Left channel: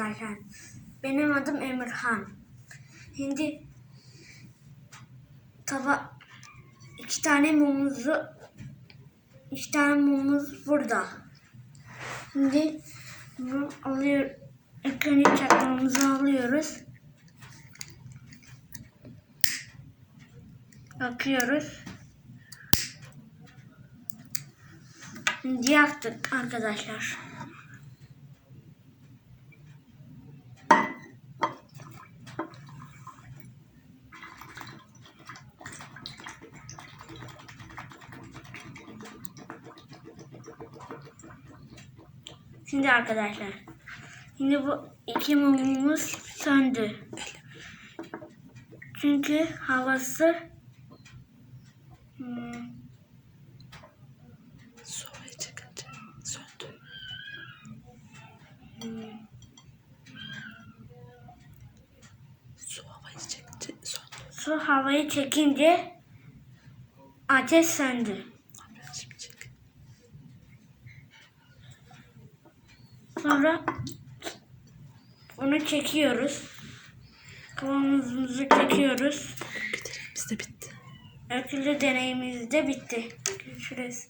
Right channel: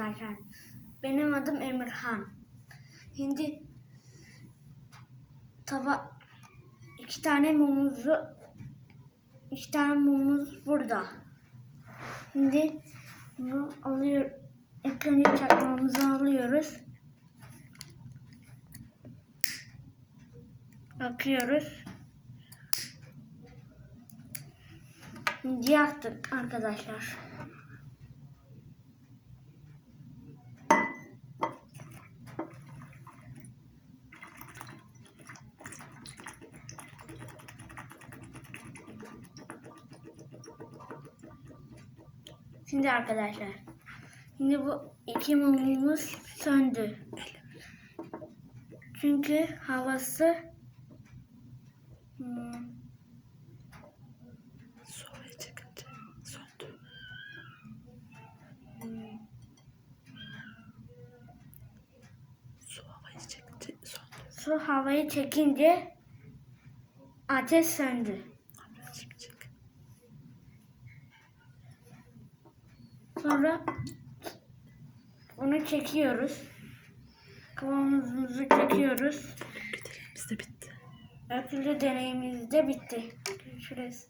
arkadaşlar. Benim adım Emirhan. Şimdi tava iki tane mumumuzu iki tane mumumuz burada. Şimdi bunu alıyor ilk önce çakmağımızı alıyoruz. Bakıyoruz. Şimdi yaktık arkadaşlar. Şimdi arkadaşlar. Şimdi bu iki mumumuz söndü. Çünkü havası hmm, Soğuya çıkınca söndü. Su havayı çekince söndü. su havayı çekince ateş söndü. Şimdi çek. Sonra onu çekiyoruz. Kavanozumuzu çekiyoruz. Biz de bitti. Öküllü deneyimimiz de bitti. Görüşürüz.